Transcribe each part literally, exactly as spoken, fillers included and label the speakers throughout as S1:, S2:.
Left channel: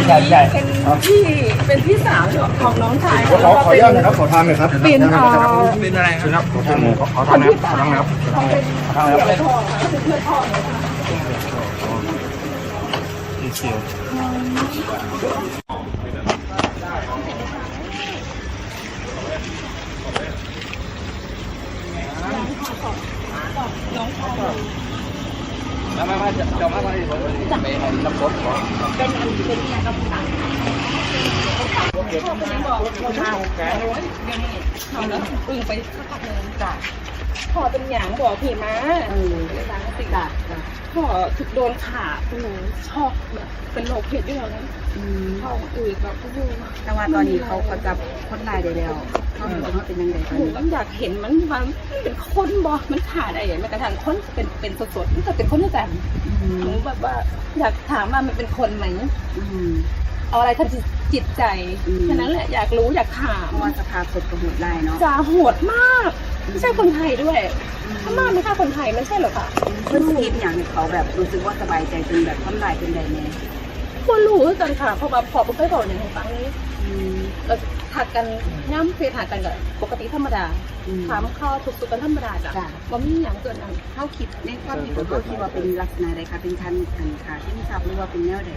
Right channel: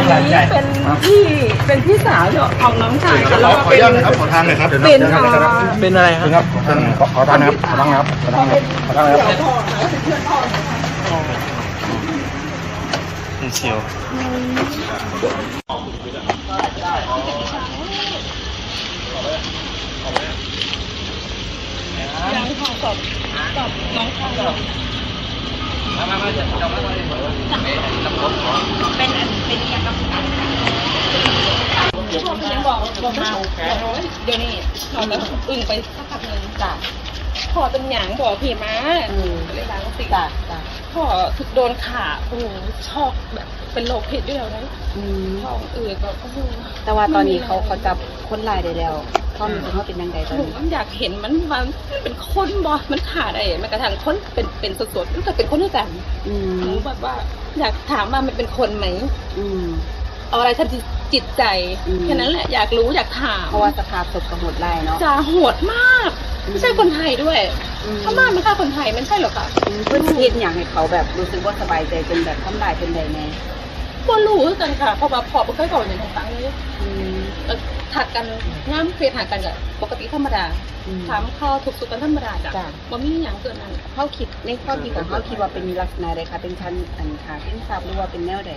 S1: ใช่ใช่
S2: เป็นพี่เป็นพี่สาวของน้องชายค่ะแล้วก็
S3: ขอ
S2: เป็น
S3: อนุญาตนะครับขอทางหน่อยครับ
S2: เป็นเอ่อ
S1: เป็นอะไรค
S3: ครับ รับขอทางหน่อยขอทางนะครับ
S2: เขาเป็นเสี่ยวพ่อค่ะเป็นเพื่อนพ่อเลยค่ะ
S1: เชียว
S2: ยังค่ะสอบสอบน้องชายอยู่เป็นอันเป็นอย่างกับผู้ตายพ่อเป็นยังบอกบอกมาโอ้ยเดี๋ยวนี้นอนแล้วอึ้งไปสักพักหนึ่งจ้ะพ่อเป็นหยังบอกพี่มาเลยบางก็สิจ้ะพ่อถึกโดนขาโอ้โหช็อกแบบเป็นโรคผิดด้วยแล้วนั้นท้องอืดแบบโอ้โห
S4: แต่ว่าตอนนี้เขาเขาจับคนร้ายได้แล้วความรู้สึกเขาเป็นยังไงตอน
S2: หนู
S4: นี้
S2: ก็อยากเห็นมันมันมันเป็นคนบ่มันขาดอะไรแม้กระทั่งคนเป็นเป็นสดๆมันก็เป็นคนด้วยกัน
S4: อืม
S2: หนูแบบว่าอยากถามว่ามันเป็นคนไหม
S4: อืม
S2: เอาอะไรทำจิตใจ
S4: อืม
S2: แค่นั้นแหละอยากรู้อยากถาม
S4: เพราะว่าสภาพศพกระโหดร้ายเนาะ
S2: จะโหดมาก ไม่ใช่คนไทยด้วยพม่าไม่ฆ่าคนไทยไม่ใช่หรอกค่ะ
S4: เพื่อนคิดอย่างให้เขาแบบรู้สึกว่าสบายใจเป็นแบบทำลายเป็นใดแน่
S2: ก็รู้คือกันค่ะเพราะว่าพอไม่เคยบอกอย่างของตังเลย
S4: อืม
S2: เอ่อถักกันย่ำเฟียถักกันกับปกติธรรมดา
S4: อืม
S2: ถามข้าวถูกสุกกันธรรมดาจ้ะ
S4: จ้ะ
S2: ว่ามีอย่างเกินนั้น
S4: เขาคิดในความคิดของเขาคิดว่าเป็นลักษณะใดคะเป็นคันอันขาที่ทราบหรือว่าเป็นแนวใด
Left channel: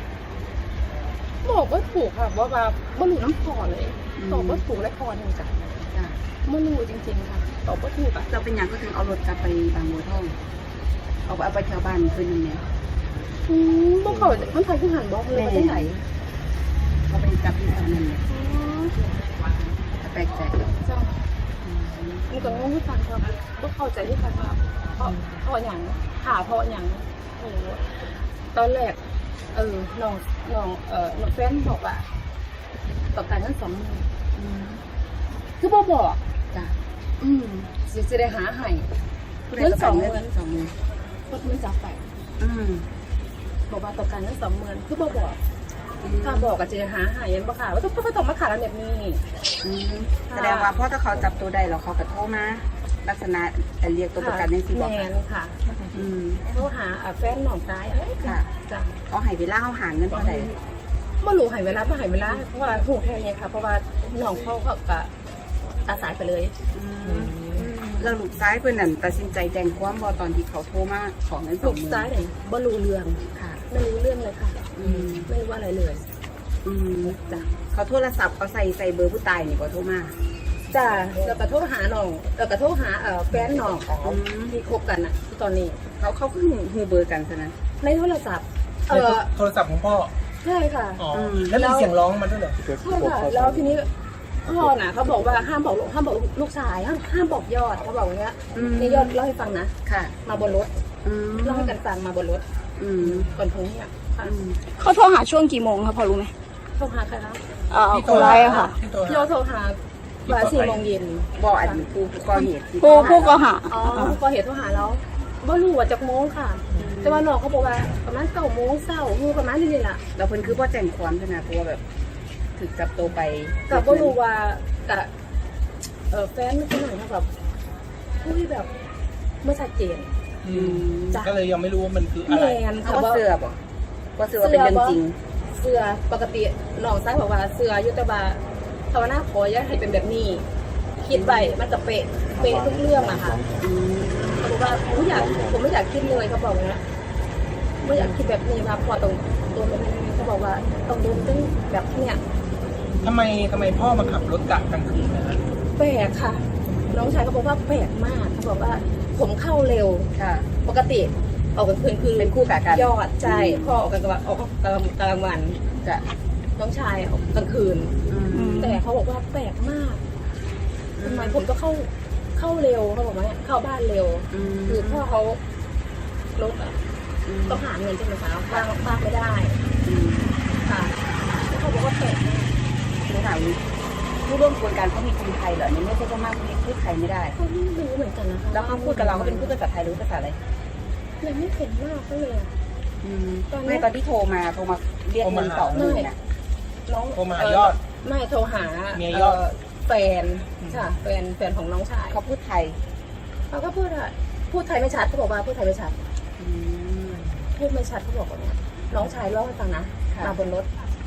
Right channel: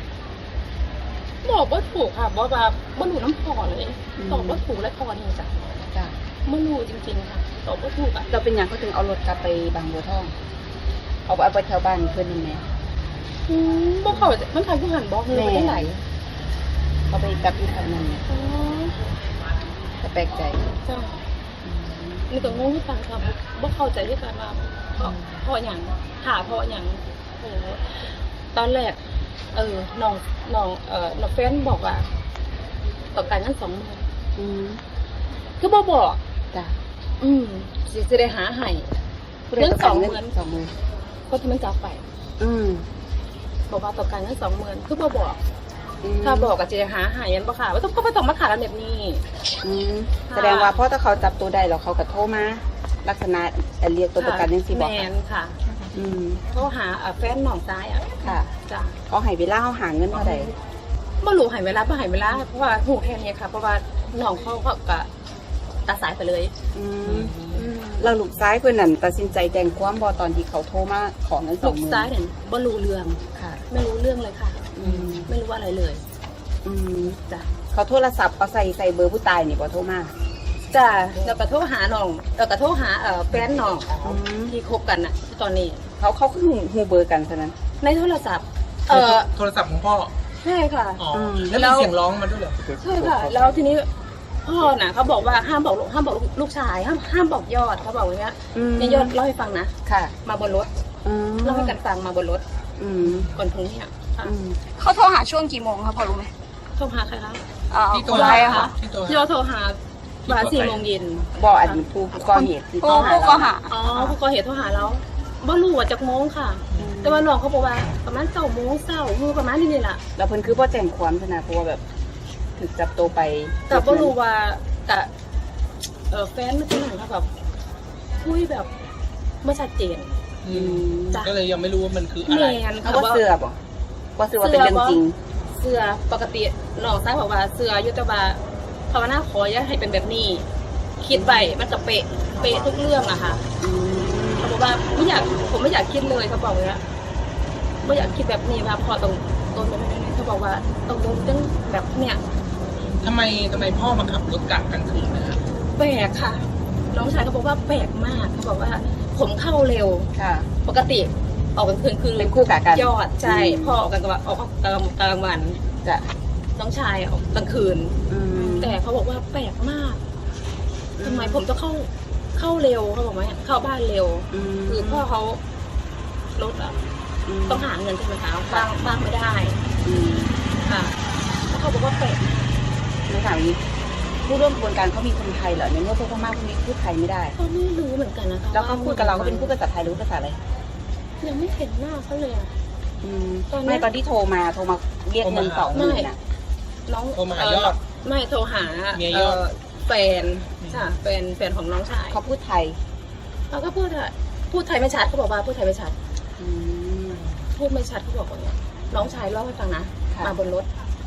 S2: บอกว่าถูกค่ะบอกว่าบ่รู้น้ำพอเลย
S4: อืม
S2: ตอบว่าถูกและคอเนี่ยจ้ะ
S4: จ้ะ
S2: ไม่รู้จริงๆค่ะตอบว่าถูกอ่ะ
S4: เราเป็นอย่างก็ถึงเอารถกลับไปบางบัวทอง เอาไปเอาไปแถวบ้านเพื่อนนั่นไหม
S2: อืมบอกเขามันทางผู้หันบอกเลยว่าที่ไหน
S4: เขาไปกลับที่แถวนั้นเนี่ย
S2: อ๋อ
S4: ก็แปลกใจ
S2: จ้ะ
S4: อืม
S2: นี่ก็งงที่กันค่ะบ่เข้าใจที่กันว่าเพราะเพราะอย่างหาเพราะอย่างโอ้โหตอนแรก เออน้องน้องเอ่อน้องแฟนบอกว่าต้องการเงินสองหมื่น
S4: อืม
S2: คือบ่บอก
S4: จ้ะ
S2: อืมสิจะได้หาให้เงินสองหมื่น
S4: สองหมื่น
S2: คนที่มันจับไป
S4: อืม
S2: บอกว่าต้องการเงินสองหมื่นคือบ่บอก ถ้าบอกกับเจหาหายันบ่ค่ะว่าต้องก็ต้องมาขาดแบบนี้
S4: อืมแสดงว่าเพราะถ้าเขาจับตัวได้แล้วเขาก็โทรมา ลักษณะเรียกตัวประกันยังสิบ
S2: แม
S4: อก
S2: นค่ะ
S4: อืม
S2: โทรหาอ่ะแฟนน้องซ้ายอ่ะ
S4: ค่ะ
S2: จ้ะ
S4: เขาให้เวลาเขาหาเงินเท่าไหร่
S2: บ่รู้ใหายเวลาบ่ใหายเวลาเพราะว่าหูแค่นี้ค่ะ เพราะว่าน้องเขาเขาก็ตัดสายไปเลย
S4: อืมเราลูกซ้ายเพื่อนนั่นตัดสินใจแจ้งความบอตอนที่เขาโทรมาขอเงินสอ
S2: ลู
S4: ง
S2: ก
S4: หมื่น
S2: ซ้ายเนี่ยบ่รู้เรื่อง
S4: ค่ะ
S2: ไม่รู้เรื่องเลยค่ะ
S4: อืม
S2: ไม่รู้อะไรเลย
S4: อืม
S2: จ้ะ
S4: เขาโทรศัพท์เขาใส่ใส่เบอร์ผู้ตายนี่บอโทรมา
S2: จ้ะแล้วก็โทรหาน้องแล้วก็โทรหาเอ่อแฟนน้อง
S4: อืม
S2: ที่คบกันน่ะตอนนี้
S4: เขาเขาคือหูเบอร์กันเท่านั้น
S2: ในโทรศัพท์ เออ
S1: โทรศัพท์ของพ่อ
S2: ใช่ค่ะ
S1: อ๋อ
S4: ม
S1: แล้วมีเสียงร้องมาด้วยเหรอ
S2: ใช่ค่ะ แล้วทีนี้พ่อน่ะเขาบอกว่าห้ามบอกลูกห้ามบอกลูกชายห้ามห้ามบอกยอดเขาบอกอย่างเงี้ย
S4: อืม
S2: นี่ยอดเล่าให้ฟังนะ
S4: ค่ะ
S2: มาบนรถ
S4: อืม
S2: เล่าให้กันฟังมาบนรถ
S4: อืม
S2: ก่อนพรุ่งนี้อ่ะค่ะ
S4: อืม
S5: เขาโทรหาช่วงกี่โมงคะพอรู้ไหม
S2: โทรหาใครคะเอ่อ
S1: ที่
S2: ย
S1: โทร
S2: อ
S1: หา
S2: ดคะ
S1: ที่โทรหา
S2: ยอดโทรหาบ่ายสี่โมงเย็น
S4: บออันผู้ก่อเหตุที่
S5: ผู้
S4: เขาหา
S5: ผู้ก็
S4: เรา
S5: หา
S2: อ๋อผู้ก่อเหตุโทรหาเราบ่รู้ว่าจากโมงค่ะ แต่ว่าน้องเขาบอกว่าประมาณเก้าโมงเช้าคือประมาณนี้นี่แหละ
S4: แล้วเพิ่นคือบ่แจ้งความใช่ไหมเพราะว่าแบบถูกจับตัวไป
S2: แต่บ่รู้ว่ากะเออแฟนไม่เป็นไรค่ะแบบคุยแบบไม่ชัดเจน
S1: อืม
S2: จ้ะ
S1: ก็เลยยังไม่รู้ว่ามันคืออะ
S2: แม
S1: ไร
S2: น
S4: เขา
S2: ค่ะ
S4: ก็
S2: ว่า
S4: เสือบ่ก็เสือว่าเป็นเรื่องจริง
S2: เสื้อปกติน้องซ้ายบอกว่าเสื้ออยุตบาภาวนาขออย่าให้เป็นแบบนี้ คิดไปมันก็เป๊ะเป๊ะทุกเรื่องอะค่ะ
S4: อืม
S2: เขาบอกว่าไม่อยากผมไม่อยากคิดเลยเขาบอกอย่างเงี้ยไม่อยากคิดแบบนี้ว่าพอต้องโดนแบบนี้เขาบอกว่าต้องโดนตั้งแบบเนี้ย
S1: ทำไมทำไมพ่อมาขับรถกะกลางคืนนะฮะ
S2: แปลกค่ะ น้องชายเขาบอกว่าแปลกมากเขาบอกว่า ผมเข้าเร็ว
S4: ค่ะ
S2: ปกติออกกลางคืนคือ
S4: เป็นคู่กะกัน
S2: ยอดใช่
S4: อืม
S2: พ่อออกกลางวันออกกลางกลางวัน
S4: จ้ะ
S2: น้องชายออกกลางคืน
S4: อืม
S2: แต่เขาบอกว่าแปลกมากทำไมผมต้องเข้าเข้าเร็วเขาบอกว่าเข้าบ้านเร็ว
S4: ม
S2: คือพ่อเขารถอ่ะ
S4: ม
S2: ต้องหาเงินใช่ไหมคะบ้างบ้างไม่ได้
S4: อืม
S2: ค่ะ แล้วเขาบอกว่าแปลกมาก
S4: แล้วถามนี้ผู้ร่วมกระบวนการเขามีคนไทยเหรอในเมื่อผู้พม่าคนนี้พูดไทยไม่ได้
S2: เขาไม่รู้เหมือนกันนะคะ
S4: แล้วเขาพูดกับเราเขาเป็นพูดภาษาไทยหรือภาษาอะไร
S2: ยังไม่เห็นหน้าเขาเลยอะ
S4: อืม
S2: ตอนนี้
S4: ไม่ตอนที่โทรมาโทรมาเรียกเงินสองหมื่นน่ะ
S2: น้อง
S1: โทรมาหายอด
S2: เไม่โทรหา
S1: เมียยอด
S2: เแฟนค่ะแฟนแฟนของน้องชาย
S4: เขาพูดไทย
S2: เขาก็พูดอะพูดไทยไม่ชัดเขาบอกว่าพูดไทยไม่ชัด
S4: อืม
S2: พูดไม่ชัดเขาบอกว่าเนี่ยน้องชายเล่าให้ฟังนะ
S4: ค่ะ
S2: มาบนรถ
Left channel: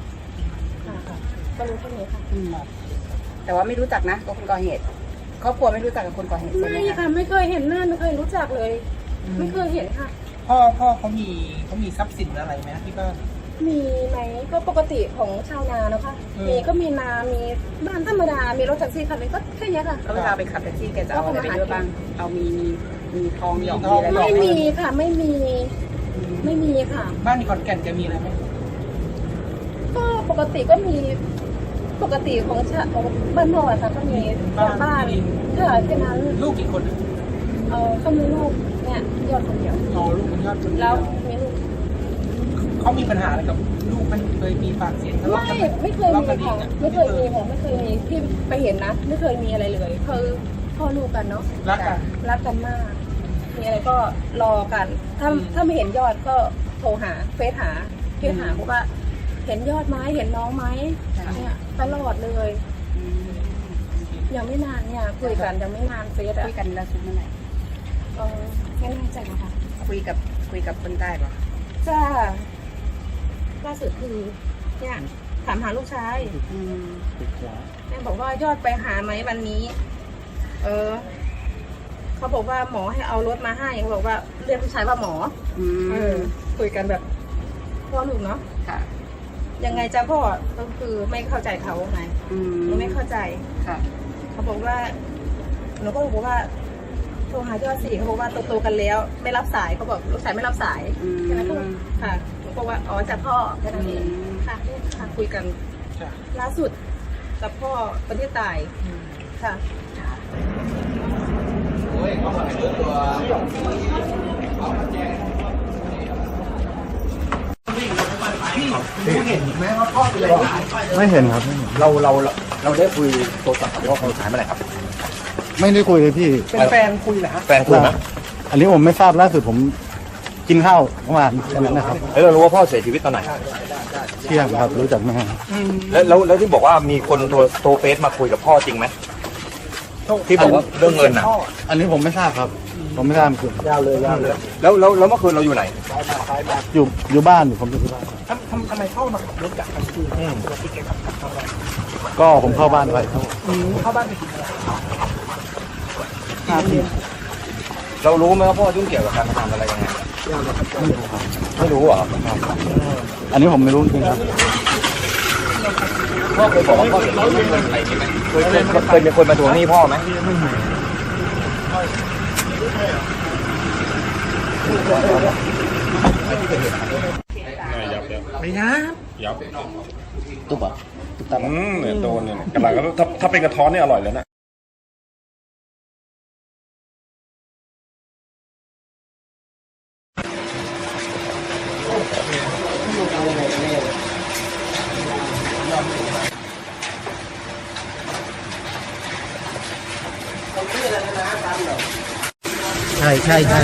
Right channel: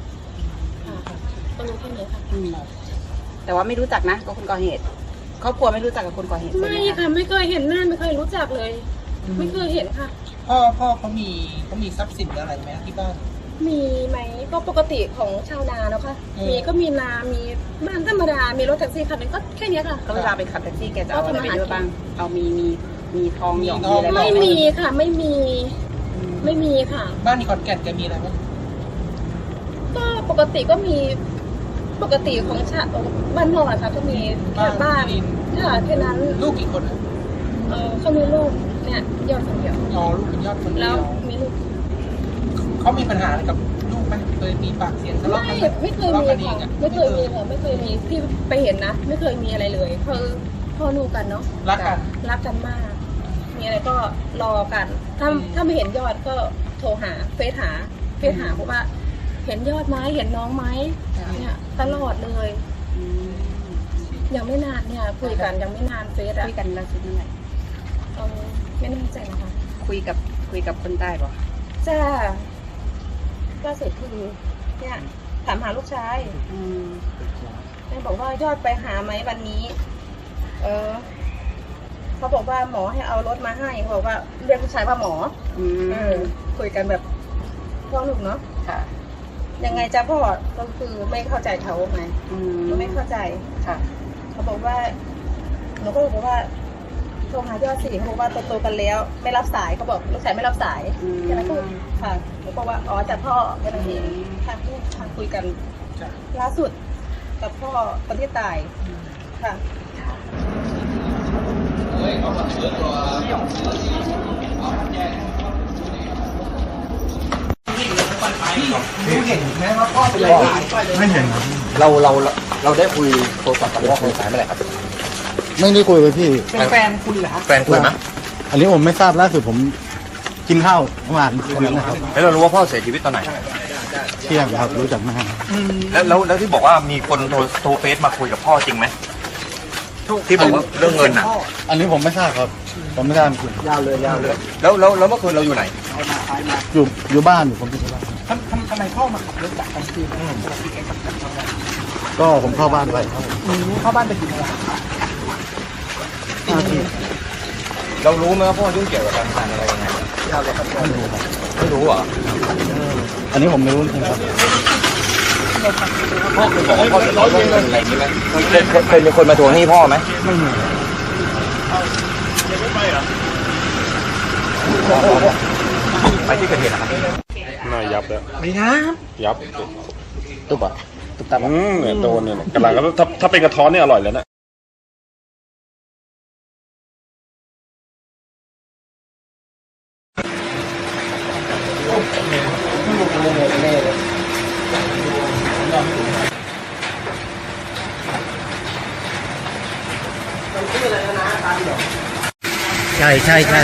S2: ค่ะก็รู้แค่นี้ค่ะ
S4: อืมแต่ว่าไม่รู้จักนะกับคนก่อเหตุครอบครัวไม่รู้จักกับคนก่อเหตุใช่ห
S2: ไม่ค่ะไม่เคยเห็นหน้าไม่เคยรู้จักเลย ไม่เคยเห็นค่ะ
S1: พ่อพ่อเขามีเขามีทรัพย์สินอะไรไหมที่บ้าน
S2: มีไหมก็ปกติของชาวนาเนาะค่ะ
S1: อืม
S2: มีก็มีนา มีบ้านธรรมดา มีรถแท็กซี่คันหนึงก็แค่เนี้ยค่ะ
S4: แล้วเวลาไปขับแท็กซี่แกจะเอาอะไรไปด้วยบ้างเอามีมีมีทองหยอง
S1: มีทอง
S4: มีอะไรบ้าง
S2: ไม่มีค่ะ ไม่มี
S4: อืม
S2: ไม่มีค่ะ
S1: บ้านที่ขอนแก่นแกมีอะไรไหม
S2: ก็ปกติก็มีปกติของชาบ้านนอกอะค่ะก็มีแค่บ้านค่ะแค่นั้น
S1: ลูกกี่คนอะ
S2: เออเขามีลูกเนี่ยยอดคนเดียว
S1: อ๋อลูกเป็นยอดคนเดีย
S2: แล้วมีลูก
S1: เขามีปัญหาอะไรกับลูกมันเคยมีปากเสียงทะเลาะ
S2: ไม่
S1: กันห
S2: ไม่เคยมี
S1: ทะเลา
S2: ค่ะ
S1: กัน
S2: ไม่เคยมีค่ะไม่เคยมีพี่ไปเห็นนะ ไม่เคยมีอะไรเลยคือพ่อลูกกันเนาะ
S1: รักกัน
S2: รักกันมาก มีอะไรก็รอกัน ถ้าถ้าไม่เห็นยอดก็โทรหาเฟซหาเฟซหาเพราะว่า เห็นยอดไหมเห็นน้องไหมเนี่ยตลอดเลย
S4: อืม
S2: ยังไม่นานเนี่ยคุยกันยังไม่นานเฟซอะ
S4: คุยกันแล้วสุดเมื่อไหร่
S2: เออไม่แน่ใจนะคะ
S4: คุยกับคุยกับคนใต้ป่ะ
S2: จ้าล่าสุดคือเนี่ยถามหาลูกชาย
S4: อืม
S2: แม่บอกว่ายอดไปหาไหมวันนี้ เออเขาบอกว่าหมอให้เอารถมาให้เขาบอกว่าเรียกผู้ชายว่าหมอ
S4: อืม
S2: เออ คุยกันแบบพ่อลูกเนาะ
S4: ค่ะ
S2: ยังไงจ้าพ่อก็คือไม่เข้าใจเขาไง
S4: อืม
S2: หนูไม่เข้าใจ
S4: ค่ะ
S2: เขาบอกว่าหนูก็บอกว่าโทรหายอดสี่เขาบอกว่าโตๆกันแล้ว ไม่รับสายเขาบอกลูกชายไม่รับสาย
S4: อืม
S2: แค่นั้นก็ค่ะหนูก็ว่าอ๋อจากพ่อแค่นั้นเอง
S4: อืม
S2: ค่ะนี่ค่ะคุยกัน
S1: จ้ะ
S2: ล่าสุดกับพ่อคนที่ตาย
S1: อืม
S2: ค่ะ
S1: พี่รู้เห็นไหมว่าพ่อเป็นอะไรตาย
S3: ไม่เห็นครับ
S6: เราเราเราได้คุยโทรศัพท์กับพ่อคนตายเมื่อไหร่ครับ
S3: ไม่ได้คุยเลยพี่
S1: เป็นแฟนคุยเหรอฮะ
S6: แฟนคุยไหม
S3: อันนี้ผมไม่ทราบล่าสุดผมกินข้าวเมื่อวานตอนนั้นนะครับ
S6: แล้วเรารู้ว่าพ่อเสียชีวิตตอนไหน
S3: เที่ยงครับรู้จักแม่
S6: แล้วแล้วแล้วที่บอกว่ามีคนโทรโทรเฟซมาคุยกับพ่อจริงไหมที่บอกว่าเรื่องเงินน่ะ
S3: อันนี้ผมไม่ทราบครับ ผมไม่ทราบจริง
S1: ยาวเลยยาวเลย
S6: แล้วแล้วแล้วเมื่อคืนเราอยู่ไหน
S3: อยู่อยู่บ้านอยู่ผมอยู่ที่บ้าน
S1: ทำทำทำไมพ่อมาขับรถกลับกลางคืนอะปกติแกขับกลับกลางวัน
S3: ก็ผมเข้าบ้านไปครับผม
S1: อืมเข้าบ้านไปกินอะไร
S3: ห้าที
S6: เรารู้ไหมว่าพ่อยุ่งเกี่ยวกับการพนันอะไรยังไงไม่รู้เหรอ
S3: อันนี้ผมไม่รู้จริงครับ
S6: พ่อเคยบอกว่าพ่อเดือดร้อนเรื่องเงินอะไรจริงไหมเคยเคยเคยเคยมาทวงหนี้พ่อไหม
S3: ไม่มี
S6: ไปที่เกิดเหตุครับ
S7: น่ายับแล้ว
S1: ไม่นะ
S7: ยับ
S3: ตุ๊บอ่ะตุ๊บตับ
S7: อืมเนี่ยโดนเนี่ยกำลังก็ถ้าถ้าเป็นกระท้อนเนี่ยอร่อยเลยนะ
S6: ใช่ใช่ใช่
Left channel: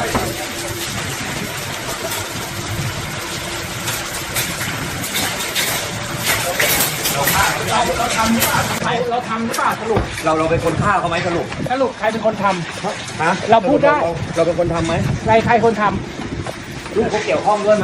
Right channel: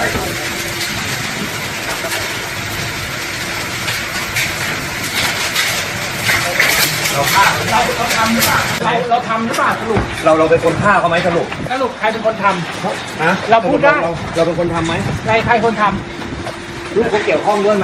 S1: เราทำหรือเปล่าเราทำหรือเปล่าสรุป
S6: เราเราเป็นคนฆ่าเขาไหมสรุป
S1: สรุปใครเป็นคนทำ
S6: ฮะ
S1: เราพูดได้
S6: เราเราเป็นคนทำไหม
S1: ใครใครคนท
S6: ลูกเขาเกี่ยวข้องด้วยไหม